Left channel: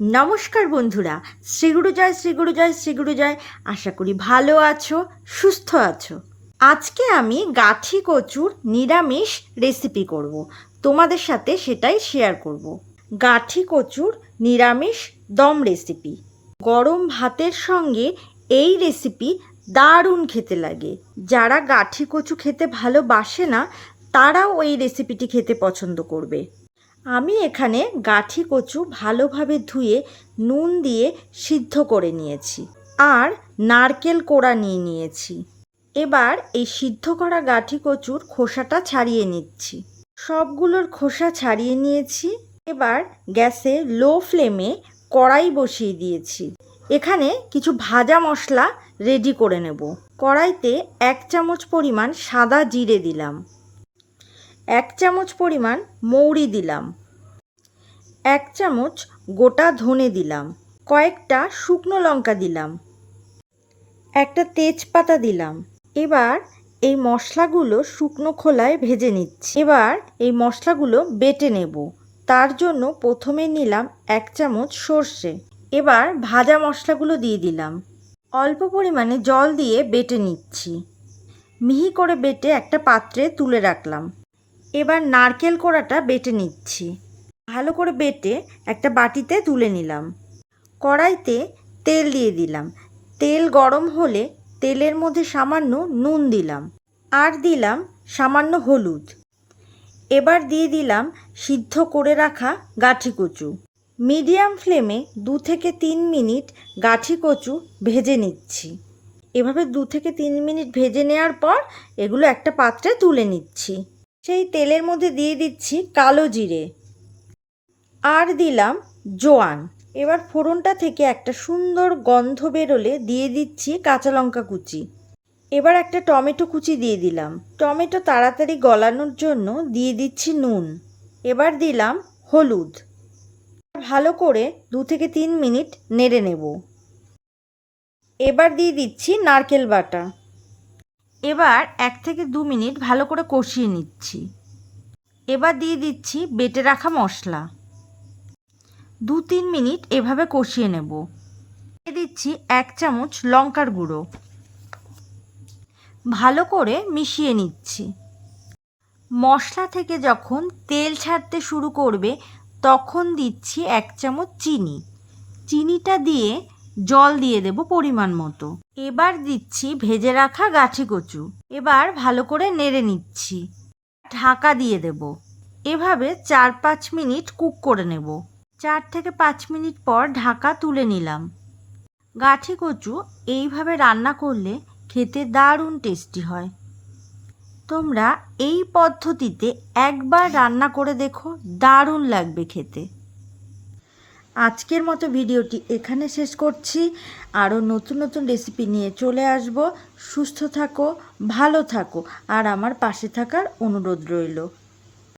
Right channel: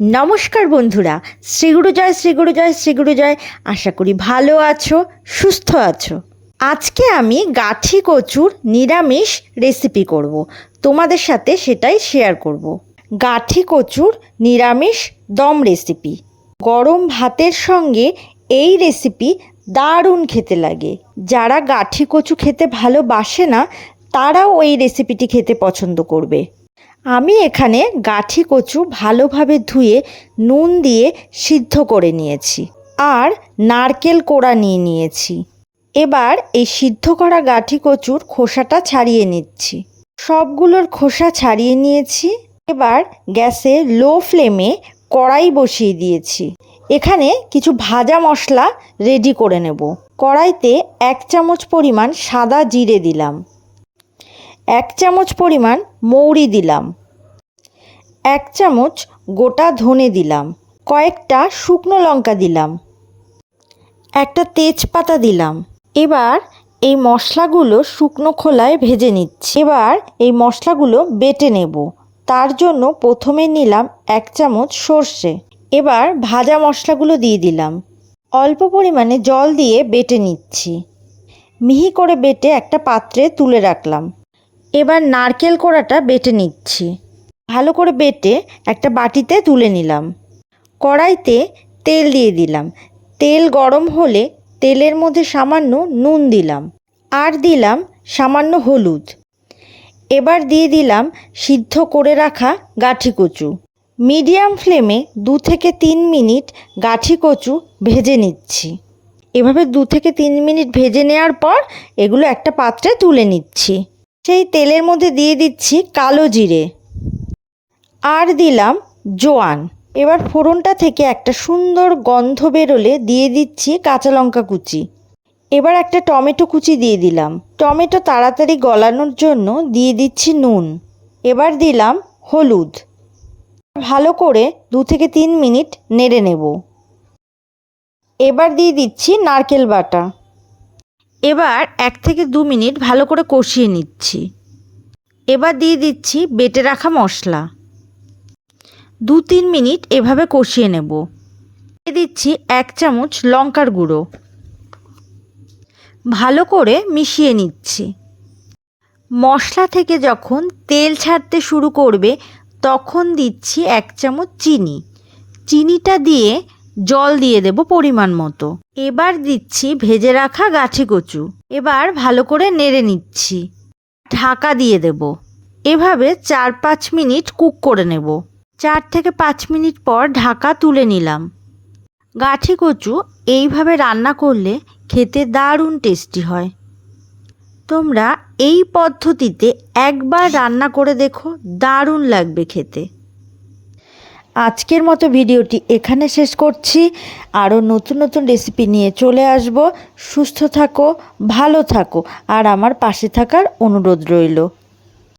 নমস্কার বন্ধুরা শ্রীগুরু জয় শ্রীগুরু জয় শ্রীগুরু জয়। আশা করি ভালো আছো, সুস্থ আছো। আজকে আমি গাঠি কচুর নিরামিষ রেসিপি করব। তোমাদের সাথে সেটাই শেয়ার করব। গাঠি কচুর নিরামিষ দম রেসিপি গরম ভাতের সঙ্গে এই রেসিপি দারুণ খেতে লাগে। যারা গাঠি কচু খেতে ভালোবাসে না, তারাও এই রেসিপিটি খেতে পছন্দ করবে। আমি এখানে গাঠি কচু ভালোভাবে ধুয়ে নুন দিয়ে সিদ্ধ করে নিয়েছি আর নারকেল কোড়া নিয়ে নিয়েছি। এবার এই সিদ্ধ করা গাঠি কচুর খোসাটা ছাড়িয়ে নিচ্ছি। সবগুলোর খোসা ছাড়িয়ে নিয়েছি। এবার গ্যাসে লো ফ্লেমে কড়াই বসিয়ে দিয়েছি। এখানে কিছু ভাজা মশলা রেডি করে নেব। কড়াইতে এক চামচ পরিমাণ সাদা জিরে দিলাম। এক চামচ পরিমাণ মৌরি দিলাম। এক চামচ গোটা ধনে দিলাম। কয়েকটা শুকনো লঙ্কা দিলাম। একটা তেজপাতা দিলাম। এবার এই মশলাগুলো শুকনো খোলায় ভেজে নিচ্ছি। এবার এই মশলাগুলো বেটে নেব। তার জন্য প্রথমে নিলাম এক চামচ সর্ষে। এবার ভাজা মশলাগুলো দিয়ে দিলাম। অল্প পরিমাণে জল দিয়ে বেটে নিচ্ছি। মিহি করে বেটে একটা পাত্রে তুলে রাখলাম। এবার নারকেল কোড়াটা বেটে নিচ্ছি। ভালো করে বেটে একটা বাটিতে তুলে নিলাম। কড়াইতে তেল দিয়ে দিলাম। তেল গরম হলে তেলের মধ্যে সামান্য নুন দিলাম আর দিলাম সামান্য হলুদ। এবার দিয়ে দিলাম সিদ্ধ করে রাখা গাঠি কচু। মিডিয়াম ফ্লেমে দু থেকে তিন মিনিট গাঠি কচু ভেজে নিচ্ছি। এভাবে দু থেকে তিন মিনিট ভেজে নেওয়ার পর এগুলো একটা পাত্রে তুলে নিচ্ছি। সেই তেলের মধ্যে দিয়ে দিচ্ছি কালো জিরে। আর দিলাম জোয়ান। এবার ফোড়নটা থেকে একটা সুন্দর গন্ধ বেরোলে দিয়ে দিচ্ছি কাঁচা লঙ্কা কুচি। এবার একটা টমেটো কুচি দিয়ে দিলাম। টমেটো তাড়াতাড়ি গলানোর জন্য দিয়ে দিচ্ছি নুন। এবার দিলাম হলুদ। ভালো করে দু থেকে তিন মিনিট নেড়ে নেব। এবার দিয়ে দিচ্ছি নারকেল বাটা। এবার এক থেকে দু মিনিট ভালো করে কষিয়ে নিচ্ছি। এবার দিয়ে দিচ্ছি বেটে রাখা মশলা। দু তিন মিনিট এভাবে কষিয়ে নেব। দিয়ে দিচ্ছি এক চামচ লঙ্কার গুঁড়ো। ভালো করে মিশিয়ে নিচ্ছি। মশলা থেকে যখন তেল ছাড়তে শুরু করবে, তখন দিচ্ছি এক চামচ চিনি। চিনিটা দিয়ে জল দিয়ে দেব পরিমাণ মতো। এবার দিচ্ছি ভেজে রাখা গাছি কচু। এবার ভালো করে নেড়ে নিচ্ছি। ঢাকা দিয়ে দেব। এভাবে চার পাঁচ মিনিট কুক করে নেব। চার থেকে পাঁচ মিনিট পর ঢাকা তুলে নিলাম। গাঠি কচু এইভাবে রান্না করলে খেতে দারুণ টেস্টি হয়। তোমরা এই পদ্ধতিতে একবার রান্না করে দেখো, দারুণ লাগবে খেতে। আজকের মতো ভিডিওটি এখানে শেষ করছি। আরও নতুন নতুন রেসিপি নিয়ে চলে আসব। সুস্থ থাকো, ভালো থাকো। আর আমার পাশে থাকার অনুরোধ রইল।